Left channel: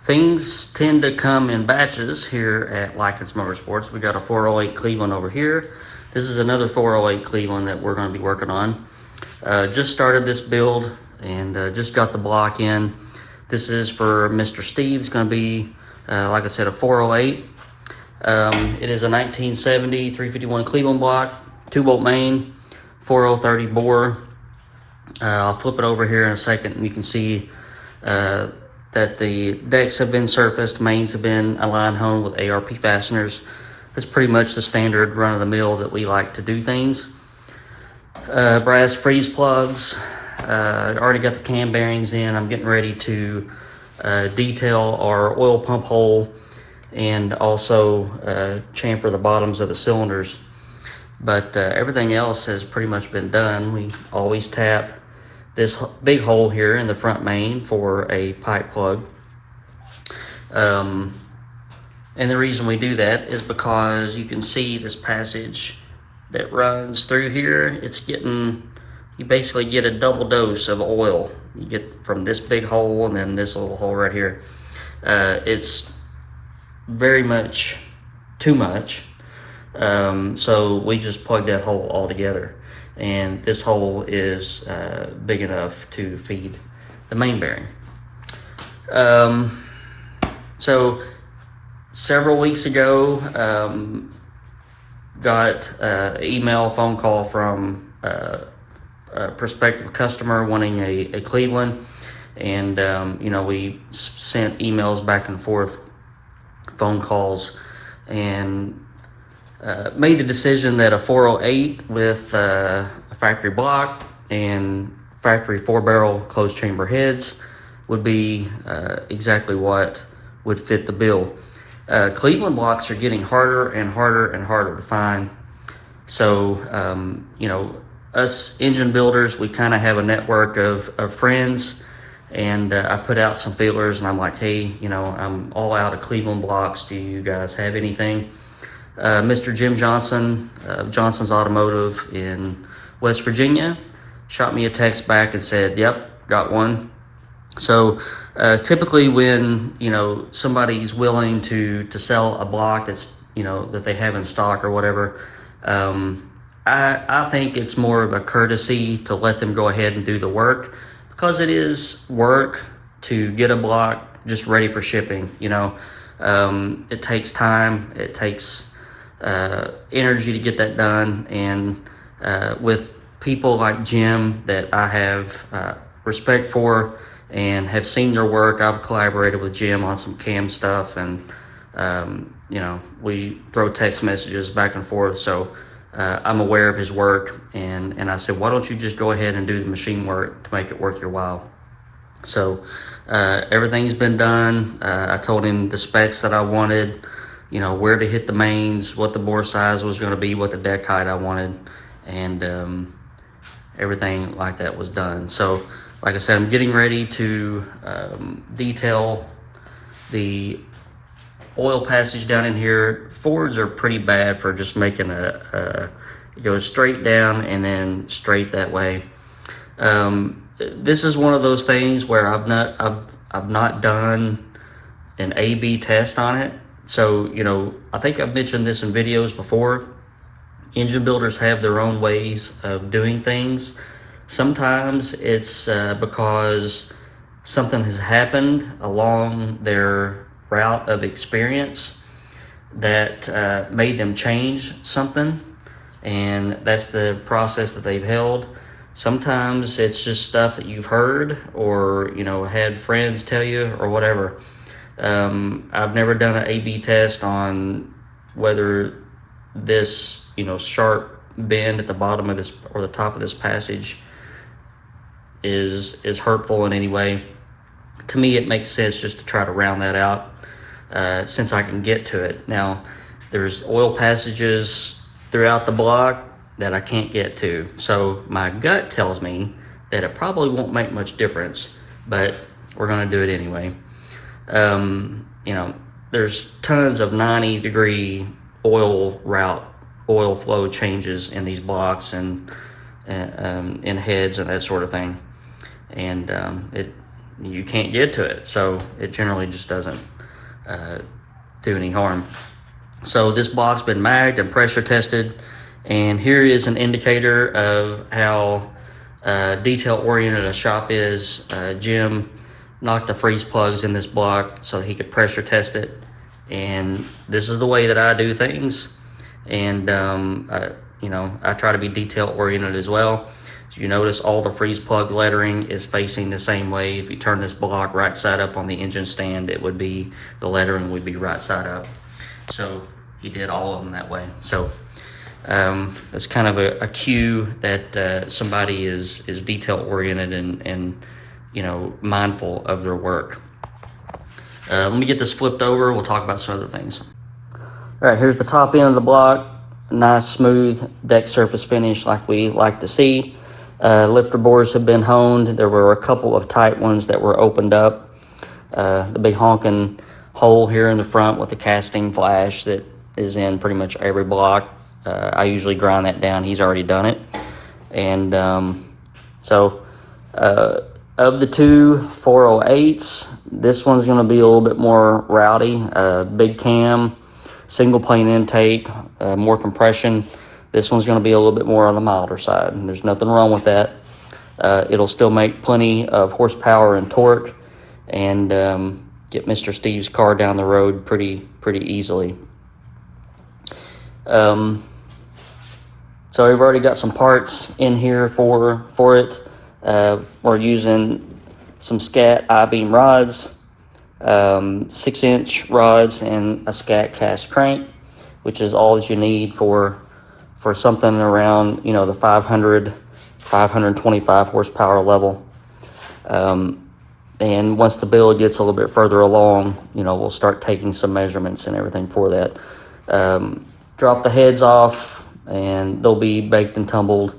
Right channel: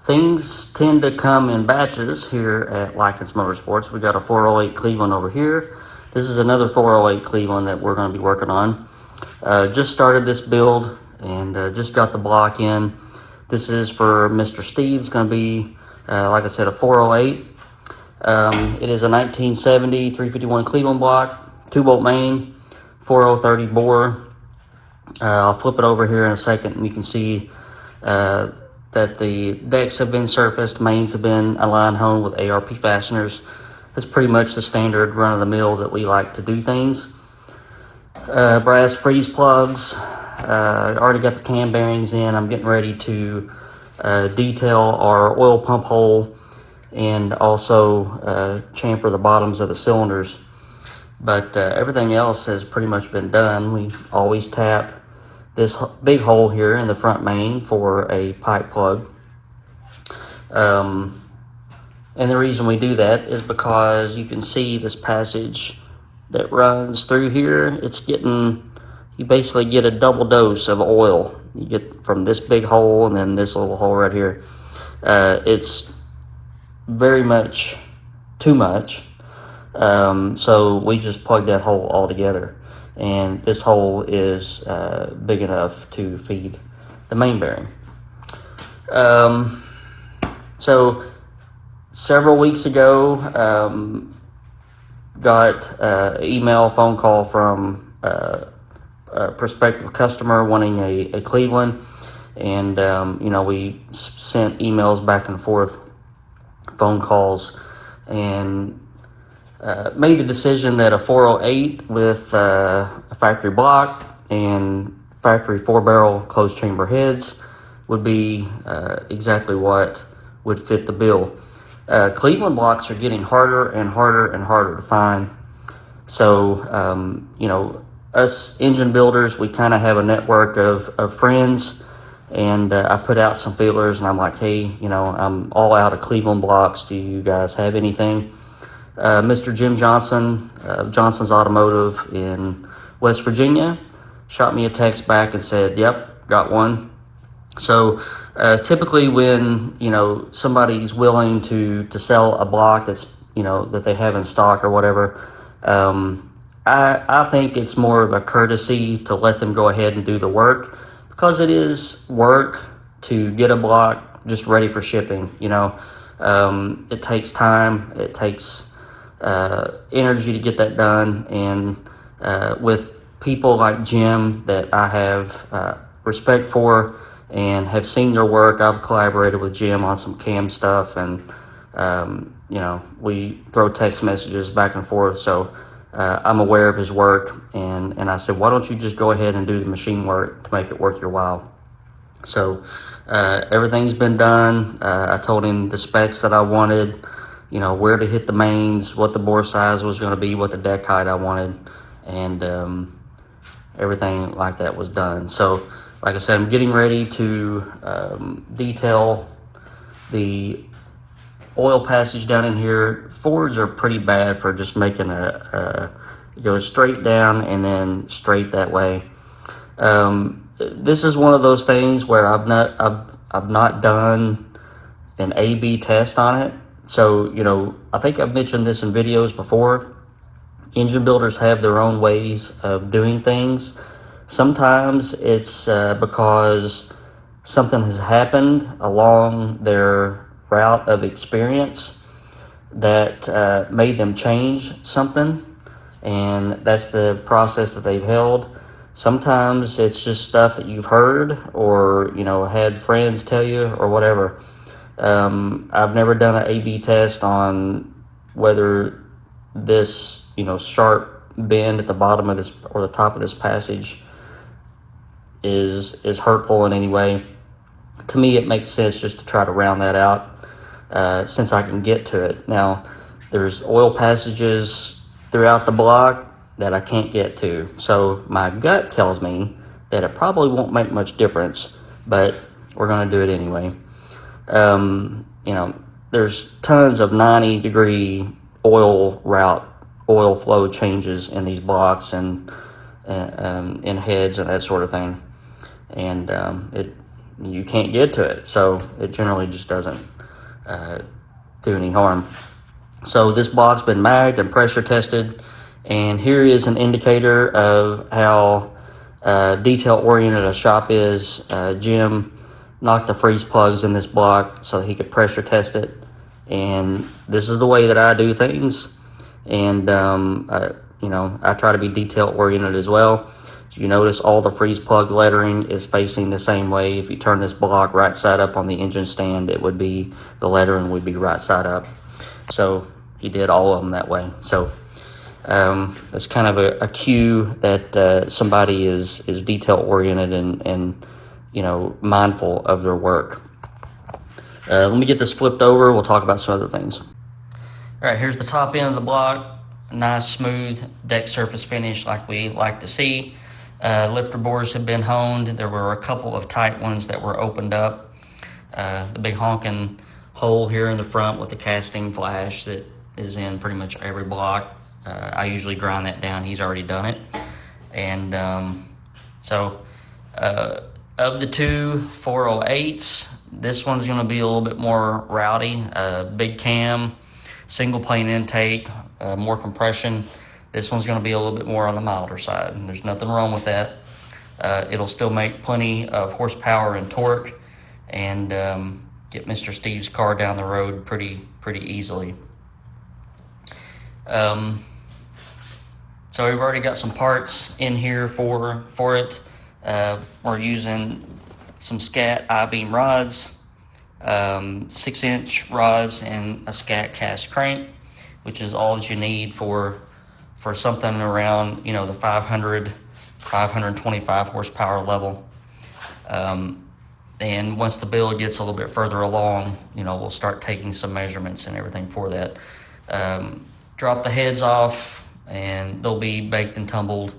Things tend to come in batches here at Lykins Motorsports. We got a 408 Cleveland over here. This is another 408 Cleveland that we're going to be working on. Just started this build and just got the block in. This is for Mr. Steve. It's going to be, like I said, a 408. It is a 1970 351 Cleveland block, 2-bolt main, 4030 bore. I'll flip it over here in a second and you can see that the decks have been surfaced, mains have been aligned home with ARP fasteners. That's pretty much the standard run-of-the-mill that we like to do things. Brass freeze plugs. Already got the cam bearings in. I'm getting ready to detail our oil pump hole and also chamfer the bottoms of the cylinders. But everything else has pretty much been done. We always tap this big hole here in the front main for a pipe plug. And the reason we do that is because you can see this passage that runs through here. It's getting, you basically get a double dose of oil. You get from this big hole and then this little hole right here. It's very much too much. So we just plug that hole all together. And this hole is big enough to feed the main bearing. So several weeks ago, got an email, phone call from a prospective customer wanting a Cleveland. And, you know, we sent emails back and forth, phone calls, and made the decision that a 408 with a factory block and factory 4-barrel closed chamber heads would be exactly what would fit the bill. Cleveland blocks are getting harder and harder and harder to find. So, you know, us engine builders, we kind of have a network of friends, and I put out some feelers and I'm like, hey, you know, I'm all out of Cleveland blocks. Do you guys have anything? Mr. Jim Johnson, Johnson's Automotive in West Virginia, shot me a text back and said, yep, got one. So typically when, you know, somebody's willing to sell a block that's, you know, that they have in stock or whatever, I think it's more of a courtesy to let them go ahead and do the work, because it is work to get a block just ready for shipping. You know, it takes time, it takes energy to get that done, and with people like Jim that I have respect for and have seen their work, I've collaborated with Jim on some cam stuff, and you know, we throw text messages back and forth, so I'm aware of his work, and I said, why don't you just go ahead and do the machine work to make it worth your while. So everything's been done. I told him the specs that I wanted, you know, where to hit the mains, what the bore size was going to be, what the deck height I wanted, and everything like that was done. So, like I said, I'm getting ready to detail the oil passage down in here. Fords are pretty bad for just making it goes straight down and then straight that way. This is one of those things where I've not done an A/B test on it. So, you know, I think I've mentioned this in videos before. Engine builders have their own ways of doing things. Sometimes it's because something has happened along their route of experience that made them change something, and that's the process that they've held. Sometimes it's just stuff that you've heard or, you know, had friends tell you or whatever. I've never done an A/B test on whether this, you know, sharp bend at the bottom of this or the top of this passage is hurtful in any way. To me, it makes sense just to try to round that out since I can get to it. Now, there's oil passages throughout the block that I can't get to. So my gut tells me that it probably won't make much difference, but we're going to do it anyway. You know, there's tons of 90-degree oil route, oil flow changes in these blocks, and in heads and that sort of thing, and you can't get to it, so it generally just doesn't do any harm. So this block's been magged and pressure tested, and here is an indicator of how detail oriented a shop is. Jim knocked the freeze plugs in this block so he could pressure test it, and this is the way that I do things. And I try to be detail oriented as well. As you notice, all the freeze plug lettering is facing the same way. If you turn this block right side up on the engine stand, the lettering would be right side up. So he did all of them that way. So that's kind of a cue that somebody is detail oriented and mindful of their work. Let me get this flipped over. We'll talk about some other things. All right, here's the top end of the block. Nice smooth deck surface finish like we like to see. Lifter bores have been honed. There were a couple of tight ones that were opened up. The big honking hole here in the front with the casting flash that is in pretty much every block. I usually grind that down. He's already done it. And of the two 408s, this one's going to be a little bit more rowdy. Big cam, single plane intake, more compression. This one's going to be a little bit more on the milder side, and there's nothing wrong with that. It'll still make plenty of horsepower and torque, and get Mr. Steve's car down the road pretty easily. So we've already got some parts in here for it. We're using some Scat I-beam rods, 6-inch rods, and a Scat cast crank, which is all that you need for something around the 525 horsepower level. And once the build gets a little bit further along, we'll start taking some measurements and everything for that. Drop the heads off, and they'll be baked and tumbled.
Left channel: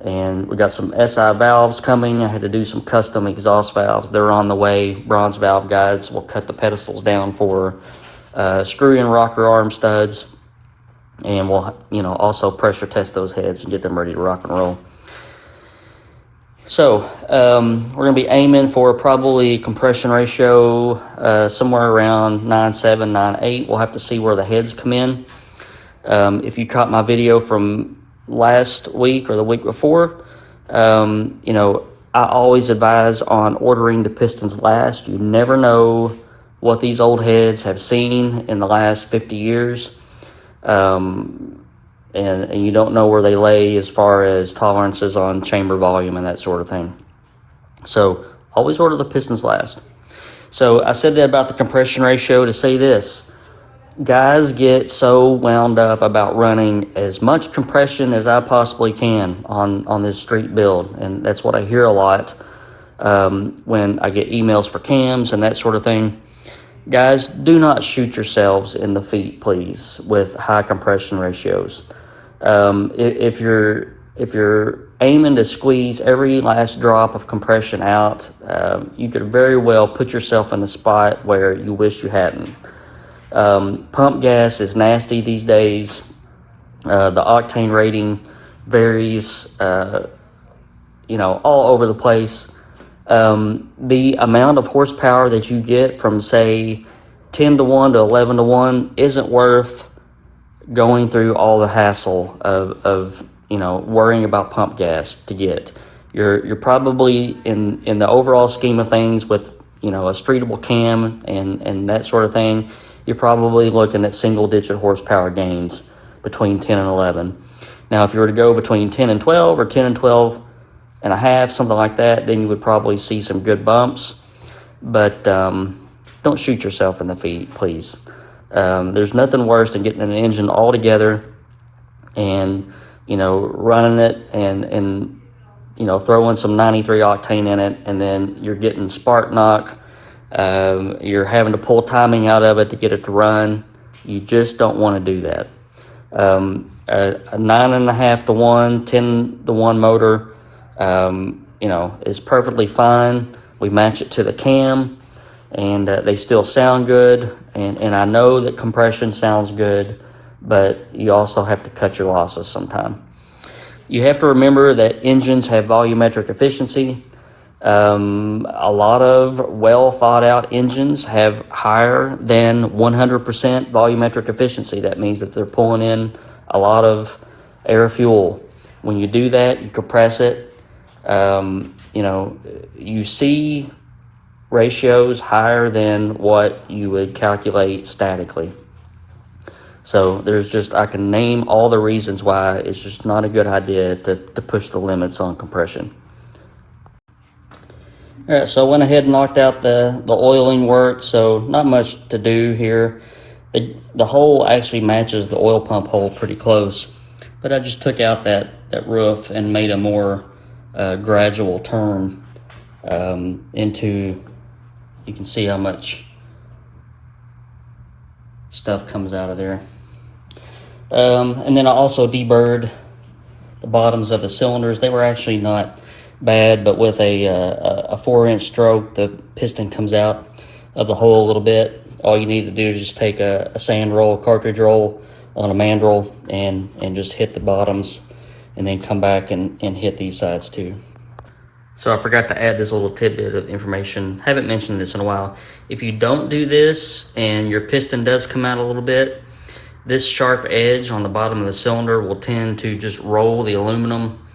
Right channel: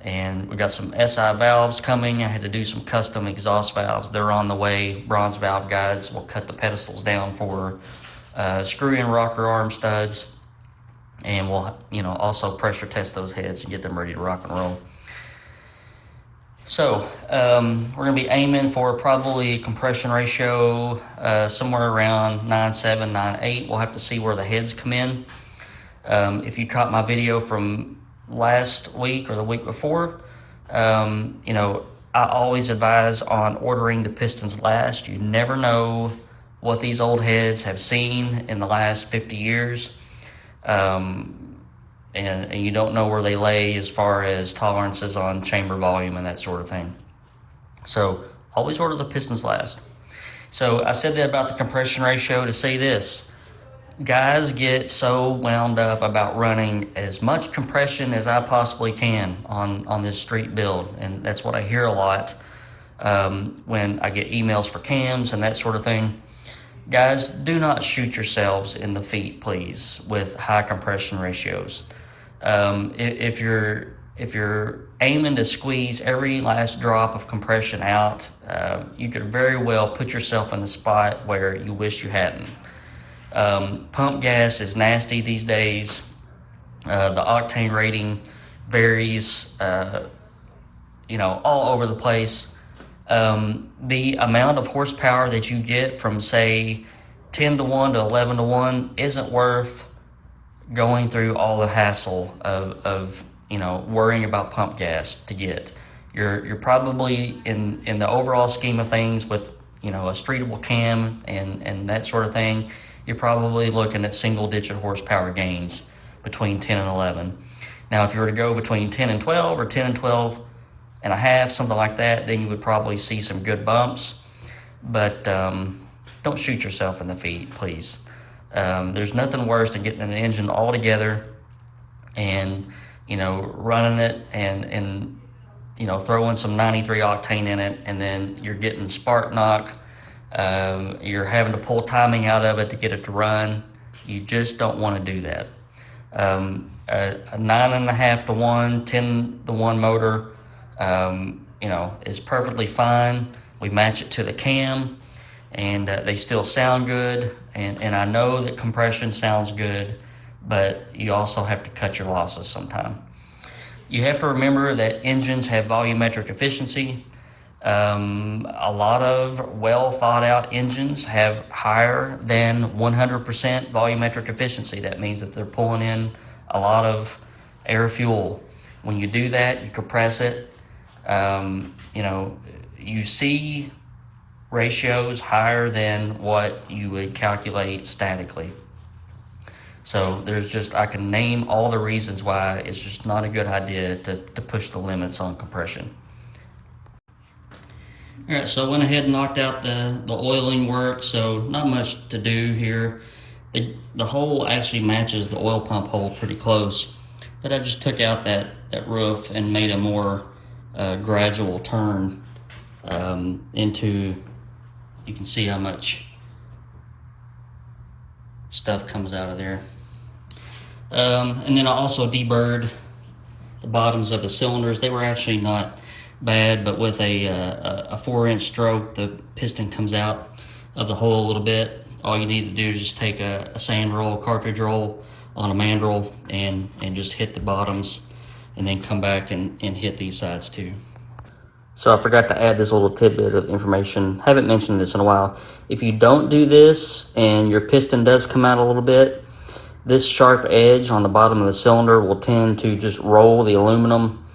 And we got some SI valves coming. I had to do some custom exhaust valves. They're on the way. Bronze valve guides. We'll cut the pedestals down for screw in rocker arm studs, and we'll also pressure test those heads and get them ready to rock and roll. So we're gonna be aiming for probably compression ratio somewhere around 9.7, 9.8. We'll have to see where the heads come in. If you caught my video from last week or the week before, I always advise on ordering the pistons last. You never know what these old heads have seen in the last 50 years. And you don't know where they lay as far as tolerances on chamber volume and that sort of thing. So always order the pistons last. So I said that about the compression ratio to say this. Guys get so wound up about running as much compression as I possibly can on this street build, and that's what I hear a lot when I get emails for cams and that sort of thing. Guys, do not shoot yourselves in the feet, please, with high compression ratios. If you're aiming to squeeze every last drop of compression out, you could very well put yourself in a spot where you wish you hadn't. Pump gas is nasty these days. The octane rating varies, all over the place. The amount of horsepower that you get from, say, 10 to 1 to 11 to 1 isn't worth going through all the hassle of worrying about pump gas to get. You're probably in the overall scheme of things with a streetable cam and that sort of thing, you're probably looking at single-digit horsepower gains between 10 and 11. Now, if you were to go between 10 and 12 or 10 and 12 and a half, something like that, then you would probably see some good bumps. But don't shoot yourself in the feet, please. There's nothing worse than getting an engine all together and, running it and throwing some 93 octane in it, and then you're getting spark knock. You're having to pull timing out of it to get it to run. You just don't want to do that. A 9.5 to 1, 10 to 1 motor, is perfectly fine. We match it to the cam, and they still sound good. And I know that compression sounds good, but you also have to cut your losses sometime. You have to remember that engines have volumetric efficiency. A lot of well thought out engines have higher than 100% volumetric efficiency. That means that they're pulling in a lot of air fuel. When you do that, you compress it. You see ratios higher than what you would calculate statically. So I can name all the reasons why it's just not a good idea to push the limits on compression. All right, so I went ahead and knocked out the oiling work, so not much to do here. The hole actually matches the oil pump hole pretty close, but I just took out that roof and made a more gradual turn into, you can see how much stuff comes out of there. And then I also deburred the bottoms of the cylinders. They were actually not bad, but with a 4-inch stroke, the piston comes out of the hole a little bit. All you need to do is just take a sand roll, cartridge roll on a mandrel and just hit the bottoms, and then come back and hit these sides too. So I forgot to add this little tidbit of information. Haven't mentioned this in a while. If you don't do this and your piston does come out a little bit, this sharp edge on the bottom of the cylinder will tend to just roll the aluminum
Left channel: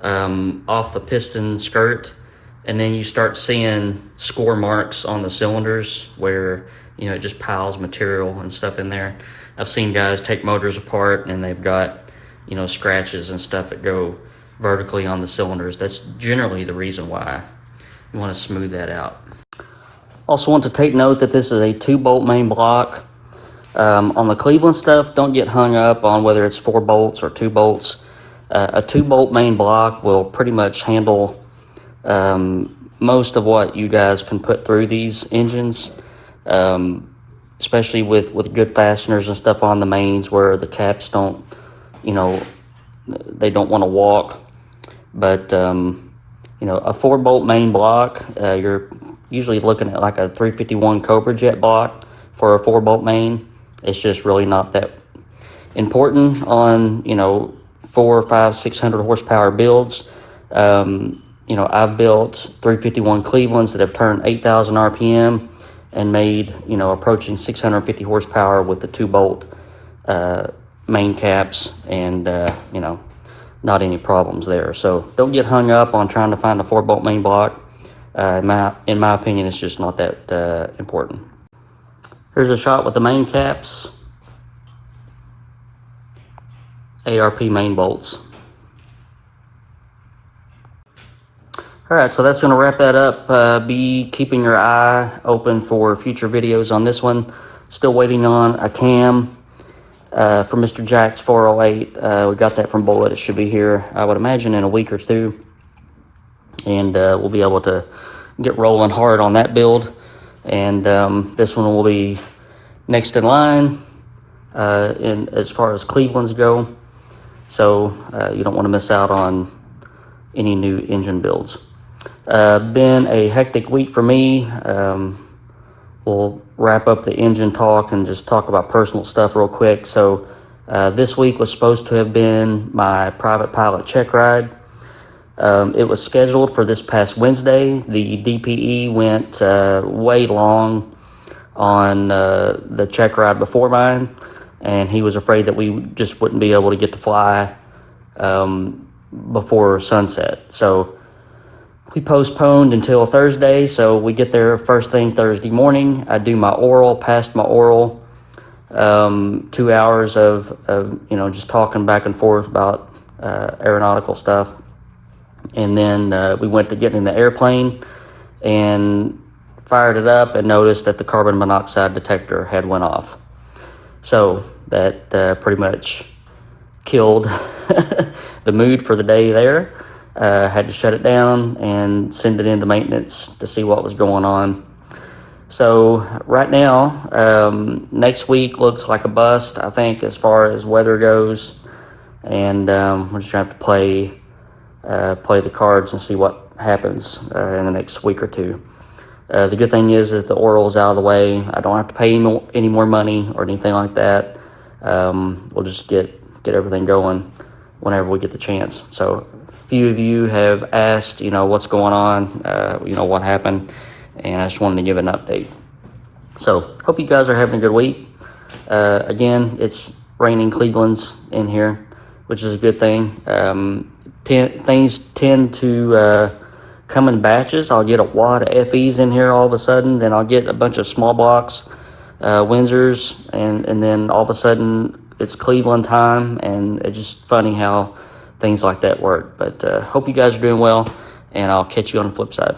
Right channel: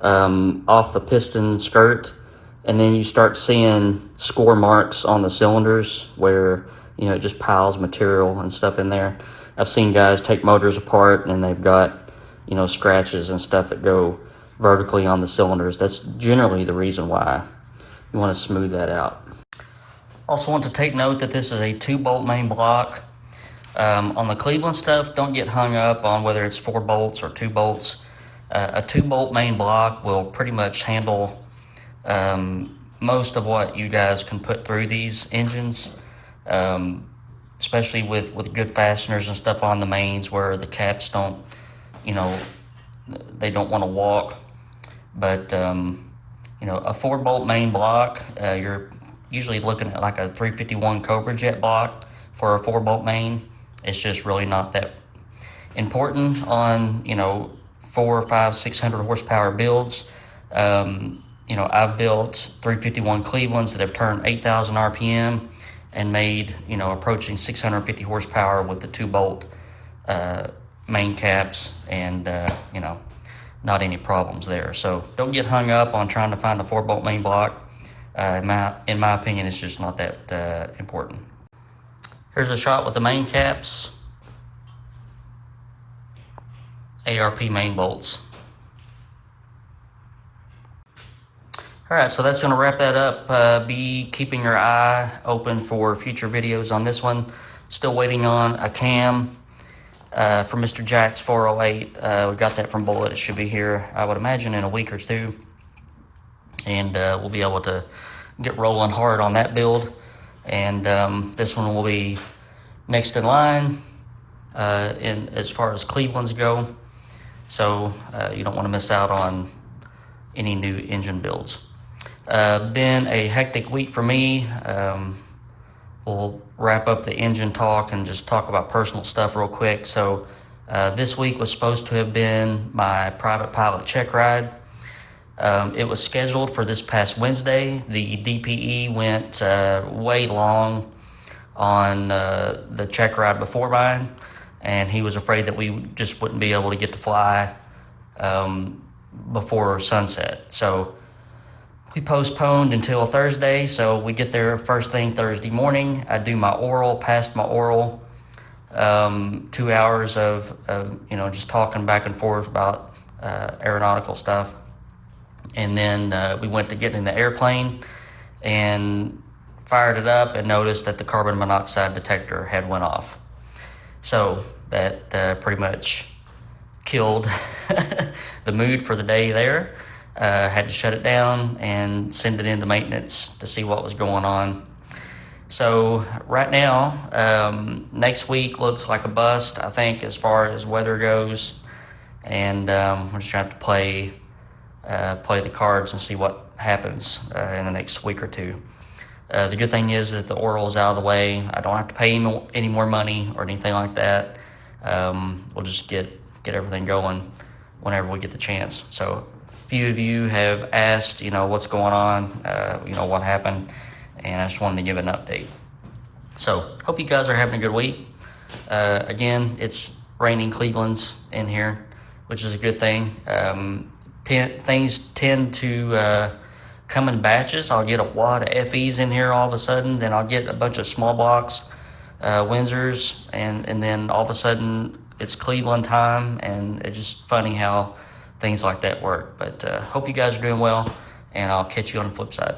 off the piston skirt, and then you start seeing score marks on the cylinders where it just piles material and stuff in there. I've seen guys take motors apart and they've got scratches and stuff that go vertically on the cylinders. That's generally the reason why. You want to smooth that out. Also want to take note that this is a 2-bolt main block. On the Cleveland stuff, don't get hung up on whether it's 4 bolts or 2 bolts. A 2-bolt main block will pretty much handle most of what you guys can put through these engines, especially with good fasteners and stuff on the mains where the caps don't, they don't want to walk. But a 4-bolt main block, you're usually looking at like a 351 Cobra Jet block for a 4-bolt main. It's just really not that important on 400, 500, 600 horsepower builds. I've built 351 Clevelands that have turned 8,000 RPM and made approaching 650 horsepower with the 2-bolt main caps, and not any problems there. So don't get hung up on trying to find a 4-bolt main block. In my opinion, it's just not that important. Here's a shot with the main caps, ARP main bolts. All right, so that's going to wrap that up. Be keeping your eye open for future videos on this one. Still waiting on a cam for Mr. Jack's 408. We got that from Bullet. It should be here, I would imagine, in a week or two. And we'll be able to get rolling hard on that build. And this one will be next in line as far as Cleveland's go. So you don't want to miss out on any new engine builds. Been a hectic week for me. We'll wrap up the engine talk and just talk about personal stuff real quick. So this week was supposed to have been my private pilot check ride. It was scheduled for this past Wednesday. The DPE went way long on the check ride before mine, and he was afraid that we just wouldn't be able to get to fly before sunset. So we postponed until Thursday, so we get there first thing Thursday morning. I do my oral, passed my oral, 2 hours of just talking back and forth about aeronautical stuff. And then we went to get in the airplane and fired it up and noticed that the carbon monoxide detector had went off. So that pretty much killed the mood for the day there. Had to shut it down and send it into maintenance to see what was going on. So right now, next week looks like a bust, I think, as far as weather goes. And we're just going to have to play the cards and see what happens in the next week or two. The good thing is that the oral's out of the way. I don't have to pay any more money or anything like that. We'll just get everything going whenever we get the chance. So a few of you have asked, what's going on, what happened, and I just wanted to give an update. So hope you guys are having a good week. Again, it's raining Cleveland's in here, which is a good thing. Things tend to come in batches. I'll get a wad of FEs in here all of a sudden, then I'll get a bunch of small blocks, Windsors, and then all of a sudden it's Cleveland time, and it's just funny how things like that work. But hope you guys are doing well, and I'll catch you on the flip side.